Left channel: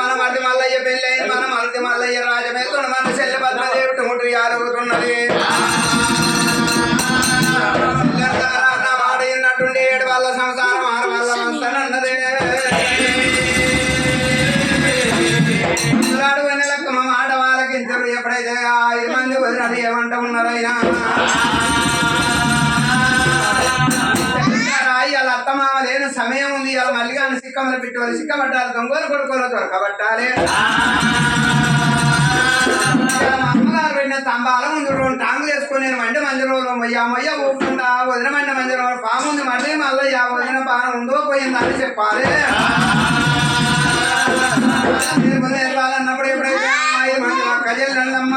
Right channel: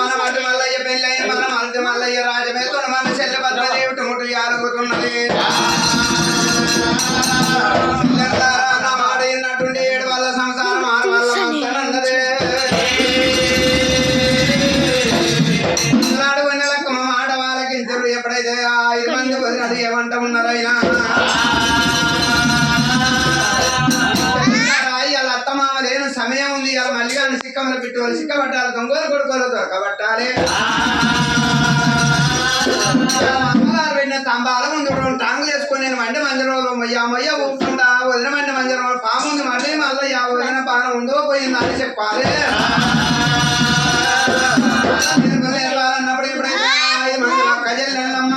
మన మధ్య మల్లయ్య పెళ్ళైన మన మధ్య మల్లయ్య రాజమేతుడు మన చెల్లి పద్మదేవి టోటు యాలవుతున్నది వాడినటువంటి 7 వల్ల సంసారం 6 వల్ల వస్తానన్నది లెక్కమ్మ మాట వాళ్ళకి ఇంటరు ఎప్పుడైతే 5 మంది వదినది ఏమంట ఉన్నారు అయినా ఇలా అత్తమామ లేని సమయం ఉంది ఇలా మల్లిగా సిక్కమలు పెట్టుకోవాలి సిక్కబట్టాలి దొంగలు కొడుకోలు దొరకబట్టాలి అమ్మగారు పెట్టిన స్తంభాల ముందు 2 టాంగులు వేసుకొని నేను మండి మంజరోలు మొయ్య ఊపుకుంటా వదిన మండి మంజరోలు పాము ఉంది మళ్ళీ వదిన పానం ఉందో పోయిందా అని చెప్పాలి వెళ్ళాలన్నప్పుడు ఎప్పుడైతే 5 మంది కజల్లమ్మ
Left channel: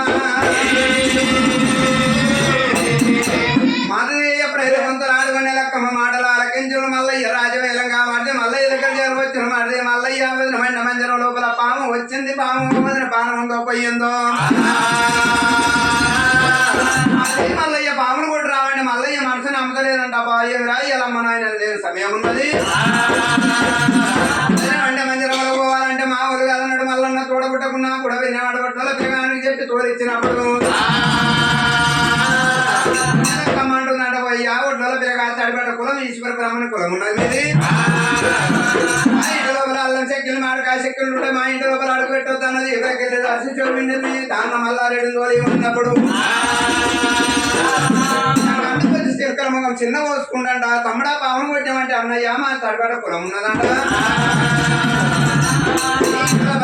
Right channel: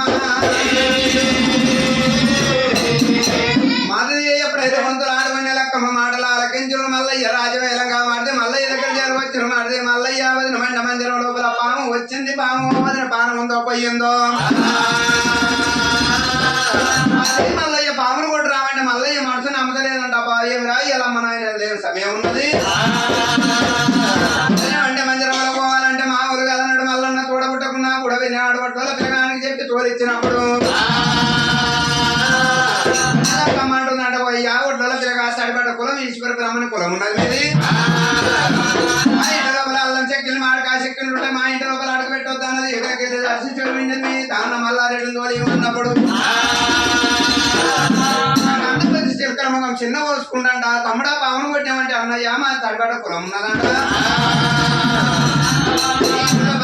మాది ఎప్పుడైతే ముందు ఆడుకునే లెక్కమ్మ మాటలు ఆలకించుడు మల్లయ్య రాజవేలంగా మాడితే మల్లయ్య దగ్గర చేరవచ్చును మాడితే మల్లయ్య వదిన మండ మంజరం లోపల పాము వచ్చింది పాము వదిన పానం ఉందో పోయిందో మల్లయ్య పామును కూడా రావండి మల్లయ్య మనసుని అమ్మలేదంట బాగా ఇలా మన ఆయన సమయం ఉన్నది అంటే మంజరంలో పోవాలంటే మామూలు కదన్నాడు మల్లన్న తోడబుట్టకున్నా కూడా వినాడు పట్టుల పిల్లగానికి చెప్పి తోలిచ్చినప్పుడు కమ్మంటుందంట పోయ్యా ఒడ్ల పిల్లగా సడిపడ్డ కులం ఈశ్వర బ్రాహ్మణ కులం ఉన్నది మీది మా ఇంటి లోపల అల్లం చెక్కులు మాడకాయ చెక్కులు ఉంటాయి మా ఇంటి లోపల అడుగు పెట్టొద్దు అన్నది ఎవరికి దర్శి చూపింది దాన్న మల్లారెడ్డి తోలి ఉన్నప్పుడు చిలకల ముఖం చిన్న పోసుకుంటాంట తమ్ముడా పావును కొట్టామంటే అన్నయ్య మా తడిపడ్డ కులం ఉన్నదంట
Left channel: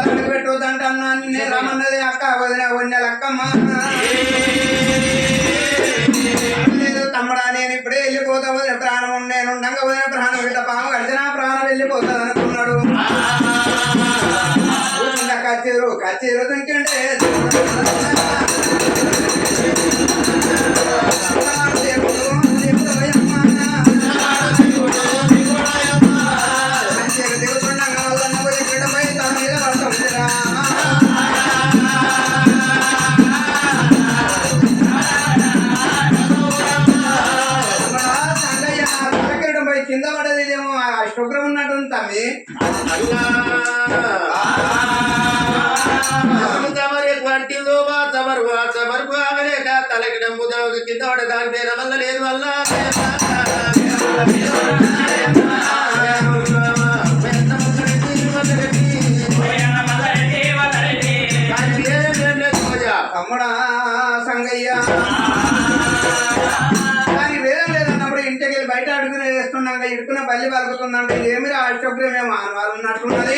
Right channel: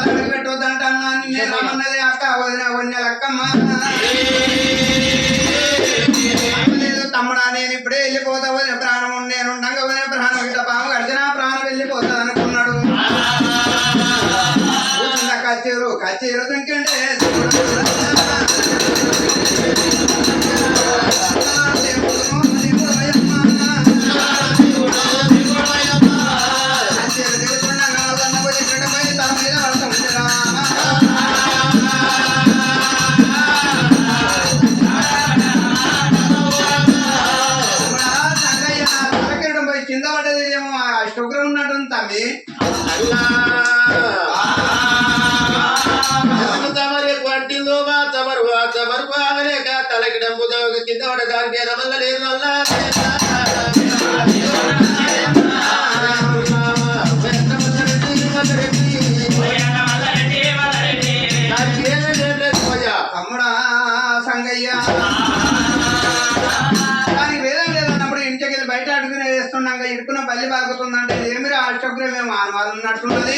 అడుగు పెట్టొద్దంట అన్న నేను రమ్మన్నది అక్క వదిన లెక్కమ్మ తమ్ముడా నేను ఇప్పుడే వెళ్ళిపోతా వదిన ప్రాణం నేను ఉండగా వదిన ప్రాణం ఇట్లా పాము గడిచిన ప్రాణం వెళ్ళిపోతుంది అనుకున్నాడు కచ్చేరు దుంకండే కింద పడదేమో అష్టోగ్రం ఉన్నట్టుంది తమ్మి తలకి డబ్బు కింద పడదానికి వల్ల లేదు వల్ల తమ్ముడా సంగయ్య దానికి వేదం లేదన్నప్పుడు ఇంటికి వెళ్ళి బయట అడుగునే వేస్తున్నాక ఇడుకున్న బల్లి పలుకుతుందంటే ఏమి అష్టోగ్రం ఏమో ఆనవాళ్ళు ఉన్నట్టున్నది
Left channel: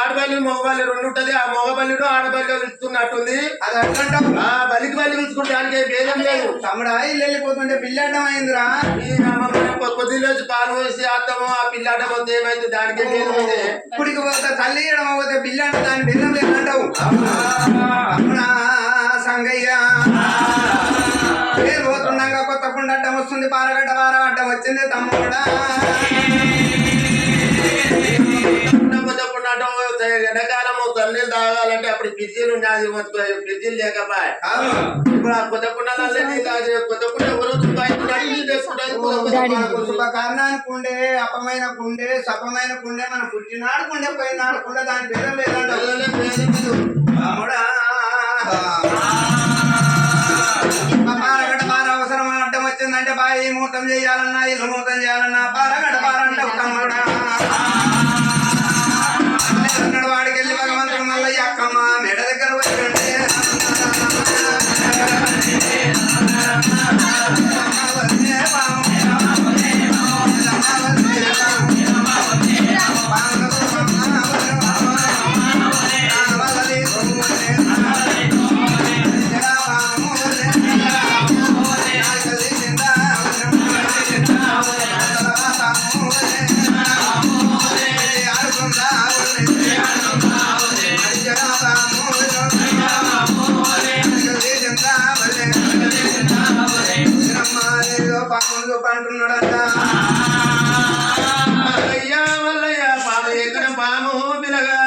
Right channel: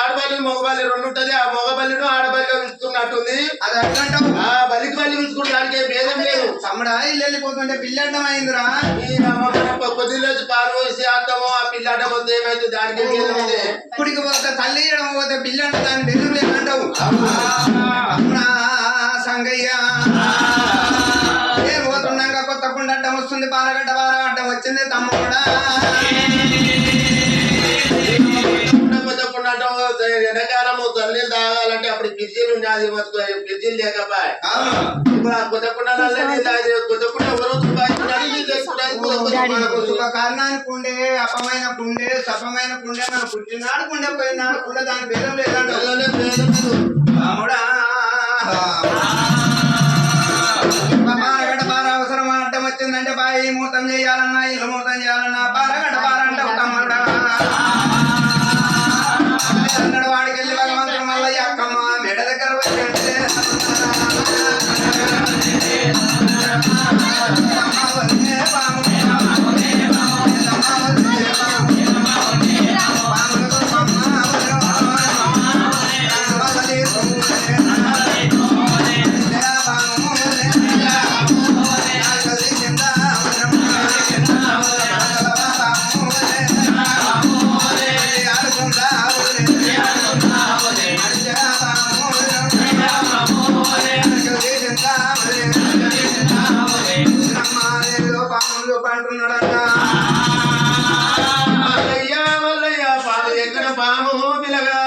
ఆడబల్లి మగబల్లి 2 ఉంటది ఆ మగబల్లిను ఆడబల్లి పిలుస్తున్నట్టుంది అది అడ్డంటావు బలికి బల్లి పిలుచుకుంటే దానికి భేదం లేదు తమ్ముడా ఇల్లు వెళ్ళిపోతుంటే పిల్లి అడ్డం అయిందిరా కొద్దిలోంచి పాలు వేసి అత్తమో ఆ పిల్లి అడ్డం వస్తే ఏమైతే దానికి భేదం ఉంది ఇప్పటికి పోతే తల్లి ఇవ్వడం పోతే పిల్లి అంటే దాని భేదం లేదంటావు సంగయ్య నేను పోతున్నాక కొత్త కుండ అడ్డం వస్తుంది పారగడ్డ వార అడ్డం వచ్చింది తమ్ముడా ఎండాకాలము తల్లి తాగాలంటే అప్పుడు ఫ్రిడ్జిలు ఉండేది ఫ్రిడ్జిలు లేకపోయా ఇప్పుడు ఆ కొత్త కుండలే కొత్త కుండ శుభ కారణానికి ఉండే అపమైన కుండే సపమైన కుండే మన పుట్టినాడు కుండే పోయినాడు కుండే దాని భేదం లేదంటే పారగడ్డ పార అవసరం అడ్డం వచ్చిందంటే బాయి మూతం చేయాలన్నా ఇల్లు మూతం చేయాలన్నా పారగడ్డ పార అంటావు తమ్ముడా వాడికి వెళ్ళి భగవంతుడు మల్లయ్య అక్కమ్మ మెడ దగ్గర వచ్చి అంటున్నాడంట మల్లయ్య మల్లయ్య పాము ఎక్కడ పాము పిలగా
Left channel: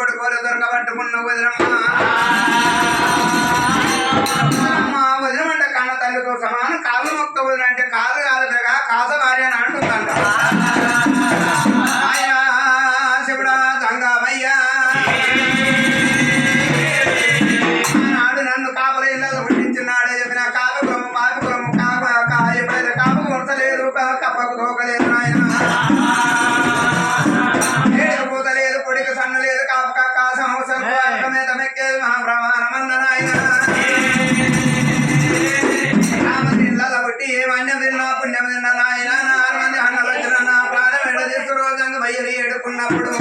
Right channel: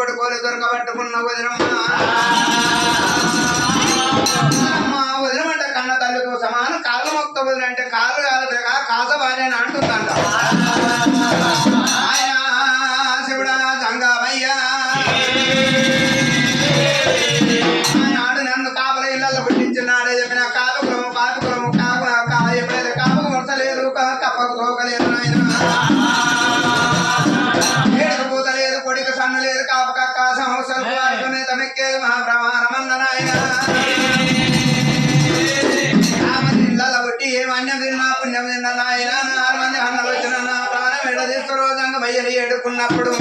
కొడుకోలు దొరకబట్టుకున్న వదినమ్మ వదినమంటే కన్న తల్లితో సమానం కాళ్ళ మొక్క వదిన అంటే కాళ్ళు కాదుగా కాస భార్య అని అంటుందంట ఆయన శివుడా గంగామయ్యా నాడు నన్ను కాపల ఇళ్ళలో పుట్టించినాడే చెప్పిన కాపుకురము కాపుకురము ఎప్పుడైతే కాపుకు ముడతలేదు కప్పకు తోకలేదు నాయన ఏడుకు పూతలేదు కొడికి సన్న లేదు కాపు కక్క సంవత్సరం అనుకునే తమెక్కేది మహాప్రమాణమన్న నాయన ఇళ్ళలో పుట్టి ఏ మన్యం తిన్నా పుణ్యం తిన్నా నాయన 6 మంది అన్నలు వచ్చిన నా ప్రాణం ఎడ తీసు రోజంగా బయ్యలు ఏడుకున్నప్పుడు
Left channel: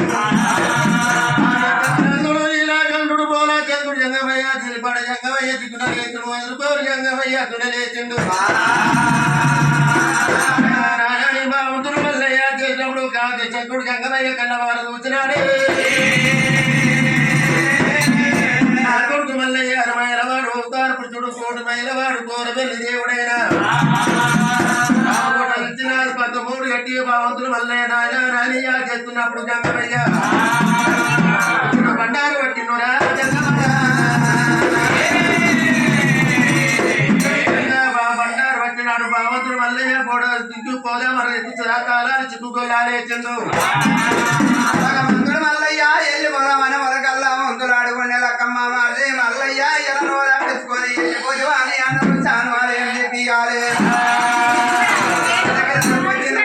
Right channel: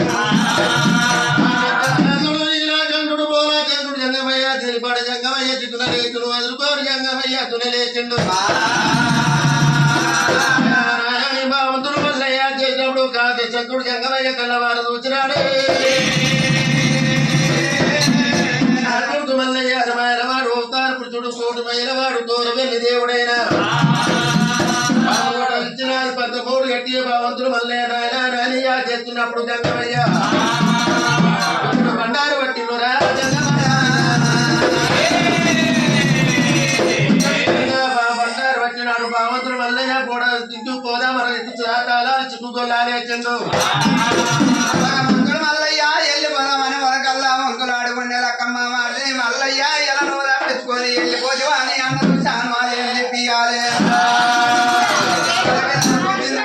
జంగమయ్య తెలిపాడు జంగమయ్య దిక్కున లేచును వదులుకోరు జంగమయ్య తునలేచిండు బావంతుడు మల్లయ్య చేసినప్పుడు కాదు శంకుడు జంగమయ్య కళ్ళవారు చూచినాడే అర్జునుడు మల్లయ్య అరమాయలవాడు అవుతారు పురుషుడు కోటి మైలవాడు కోరు వెళ్ళి దేవుడైనా ఇచ్చిన 13 గట్టి బావంతుడు మల్లయ్య నాయన రానియ చేస్తున్నప్పుడు జంగమయ్య బండారు పట్టినరా బండారు పట్టినాడు భగవంతుడు మల్లయ్య కూడా తింటూ పోదా మరి తాళాలు చుట్టుకొల్లాలేచండు మందుడు మల్లయ్య వెళ్ళిపోదామని వరకల్లా వంతులు ఆడుకునే లక్కమ్మ మాడి మల్లయ్య ఎలా నోరా తెచ్చుకొని వెళ్ళిపోదు అని అన్నది సాన్వాలు ఏం చెప్పియాలి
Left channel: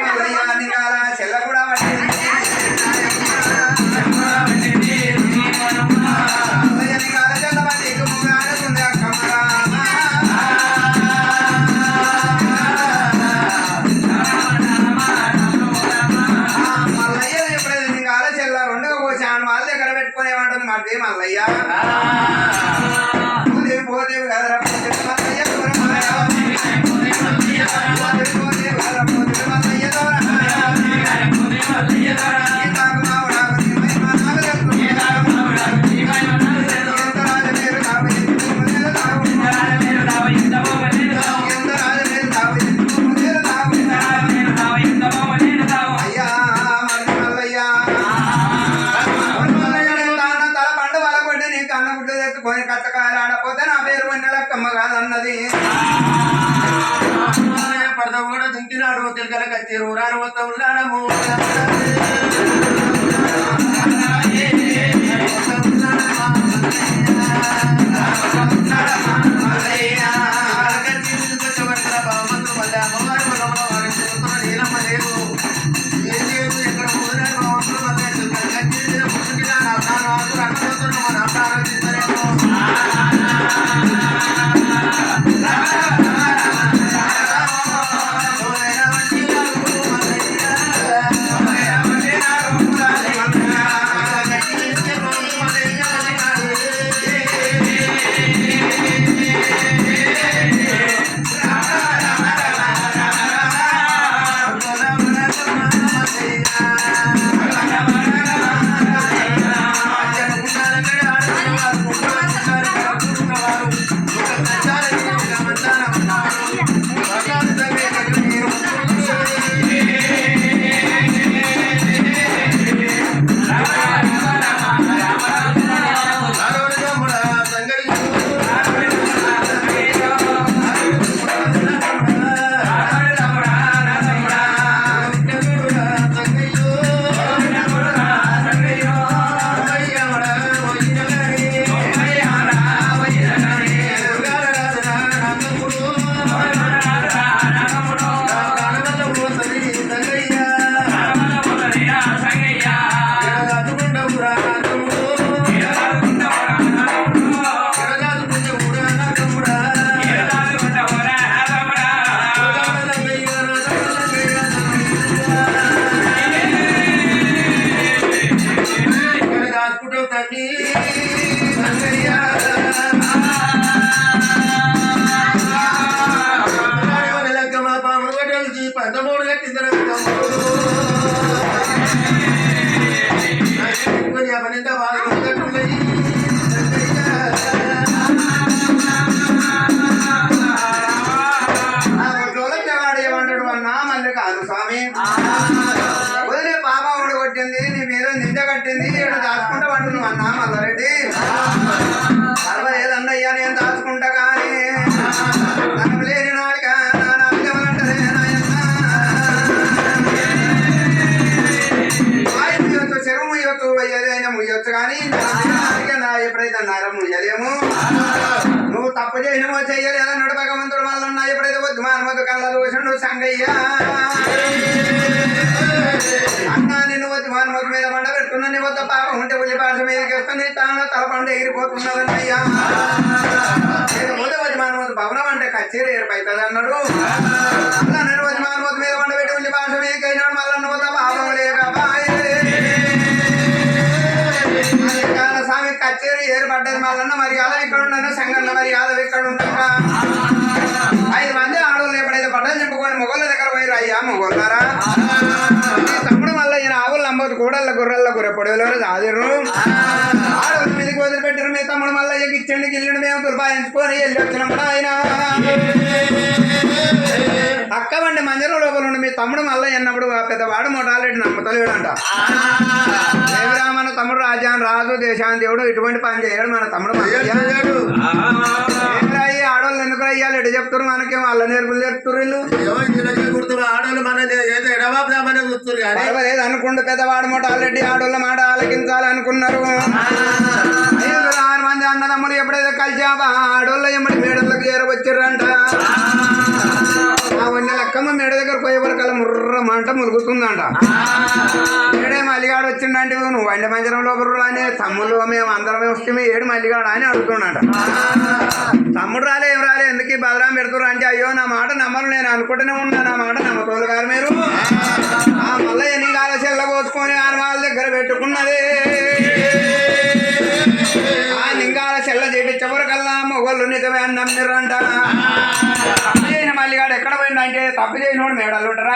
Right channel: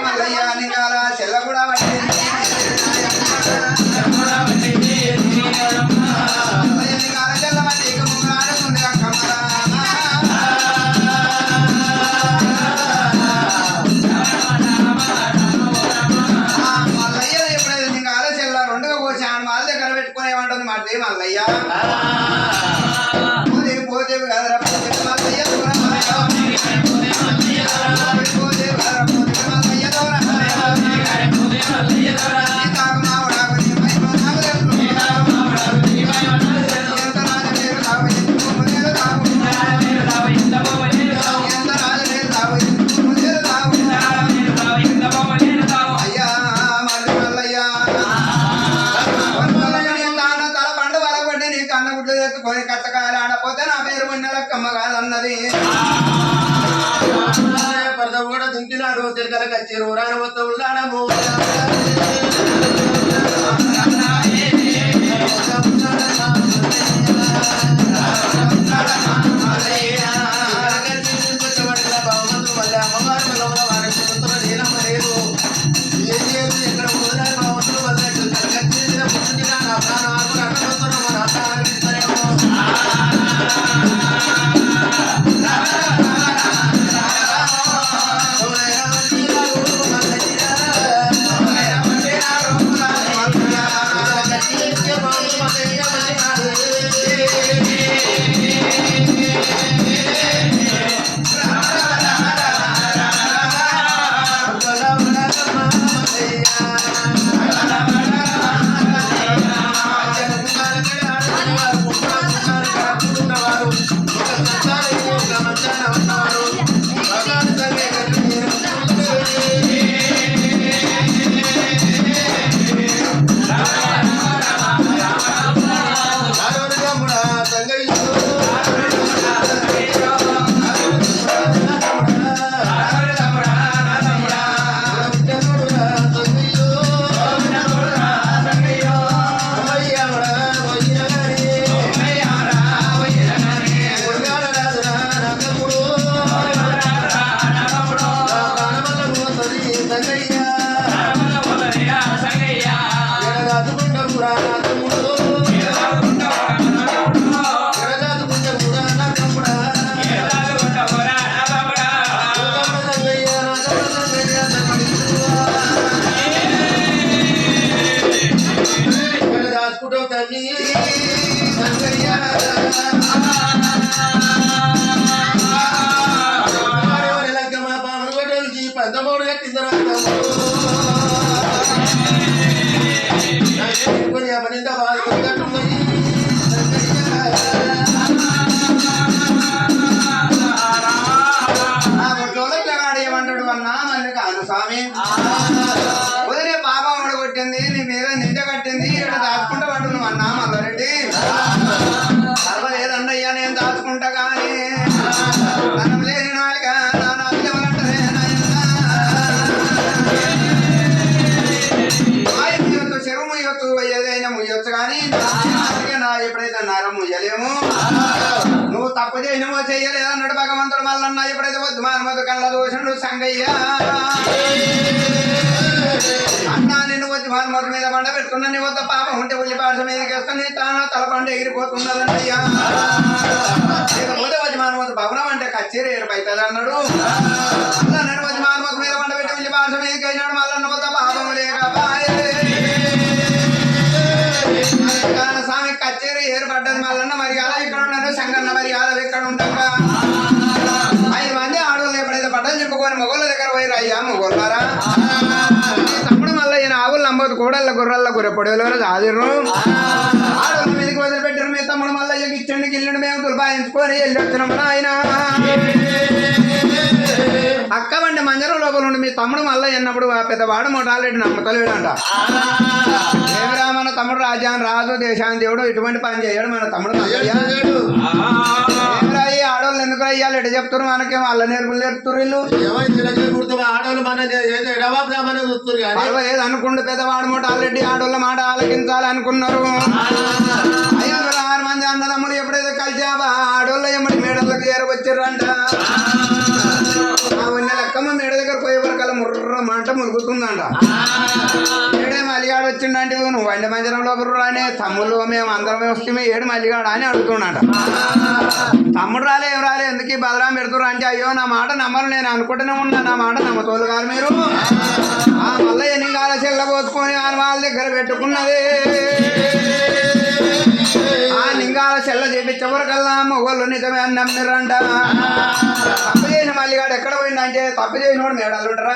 మల్లయ్య నికాల చెల్ల కూడా పట్టింది మల్లయ్య పోతే కదరా పోతే మల్లయ్య కట్టకాయలు ఆడపోతే నా పేరు మన్నెలక్కమ్మ కాదన్నది పరద కూడా దుంకినాడు తిరగల కచ్చి రూరాన మొత్తం ఉన్నాడము ఎక్కడ స్వామి వదిలే పాప కొట్టింది నీ మీద నింద కట్టింది ఇక్కడ దాచుకుంటా పట్టు నువ్వు అన్నా ఎప్పుడైతే అన్నారో ముయ్యలేము నువ్వు తప్పు చేయనమో చెయ్యలేదు అన్నాడు భగవంతుడు మళ్ళన్నా ఎప్పుడైతే వద్దు మానవద్దు కళ్ళ దోషుడు సంగయ్య అన్నా నిన్ను వచ్చి మానవద్దు మీద పండ పెట్టుకున్నా నీ వద్ద పాపం ఉంటే ఉల్లి పాట మీదకి వేస్తాను తాను తలపండు ఎగిరిపోతున్నదండి అయ్యా లేకపోతే వచ్చి మానవద్దు భవనం అంటే కచ్చేరి ఏర్పవుతుంది అన్నాడు అలా నేను వచ్చి మానవద్దు మీద పండ పెట్టి ఉల్లి పాట మీదకి అయినాడు మళ్ళన్న వద్ద పాపం లేక స్వామి కచ్చేరి ఏర్పడ్డది మళ్ళన్న మర్యాద ఇక్కడ ఉన్నాను సంగన్న మర్యాద ఇక్కడ ఉంటాక 5 మంది ఆడవాళ్ళు ఎప్పుడైతే పడ్డని చెప్పుకొని మొగోళ్ళ దగ్గర పోయి అయ్యా మొగోళ్ళారా తమ్ముడు మళ్ళీ ఈయన ఆవులు నమ్మదు కూడళ్ళ గుర్రల్ల గుర్ర పొడవలో హాజరు ఆడవాళ్ళ మీదకి వదిలిపెట్టారు మీ తమ్ముడు మళ్ళీ ఇచ్చండి గిల్లుండి మేము తులపాయించుకొని వెళ్ళి వచ్చినప్పుడు ఆయన అక్కవండి మంజర లోపల ఉండి మీ తమ్ముడు మళ్ళీ ఎన్నప్పుడు పెద్దవాడు మొటాలెడ్డి నమ్మతలేడు అంట మన తమ్ముడు రాజాన్ రాజు దేశాన్ని దేవుడు ఇటువంటి పని చేయడు మన తమ్ముడు ఆడవాళ్ళు ఎందుకు అయ్యాలి ఎటు చెప్తారు మనకేం వాళ్ళ నేర్పులు నేర్పుతారు వీళ్ళు ఆడవాళ్ళు మన చూస్తారు కానీ అనుకుంటూ పెద్దవాడు మూట ఆల్రెడీ ఆడవాళ్ళ మాట ఆలకించాలి అనుకున్నారు 6 మంది అన్నదమ్ములు ఎప్పుడైతే కలిసాబా ఆడవాళ్ళ ఎమ్మడి మేడలకు చేరవచ్చారంట లెక్కమ్మ మేడ దగ్గర పోయే వరకల్లా ముర్ర మంట ములుగుతుందంట ఏడే మల్లిగాడు వచ్చిండంటే నువ్వు వండి మంజరంలో బుర్రానే తమ్ముళ్ళు మేము అందరం వస్తే ఏడు మల్లిగాడు అని అడుగుతున్నాడు తమ్ముడు రాలే ఏం రాలే ఎందుకు ఈ బలరాం పెడుతున్నారు అంటే అయ్యో నా మాట నమ్మరు నేను అనుకుంటూనే ఉన్నా నా మాట నమ్మతోలు గారు మీరు మళ్ళీ ఎన్ని కాల చెల్ల పోసుకొని వాళ్ళ దగ్గర పెట్టుకున్నదే ఆ లింగాల చెల్ల చేపించవరకల్లా మొగోళ్ళు నిజమే అని నమ్మిరంట తప్పు చేసిన మల్లిగాడు ఎక్కడ పోయిందంటే తప్పు చేసినోడు మేడాలు ఉంటారా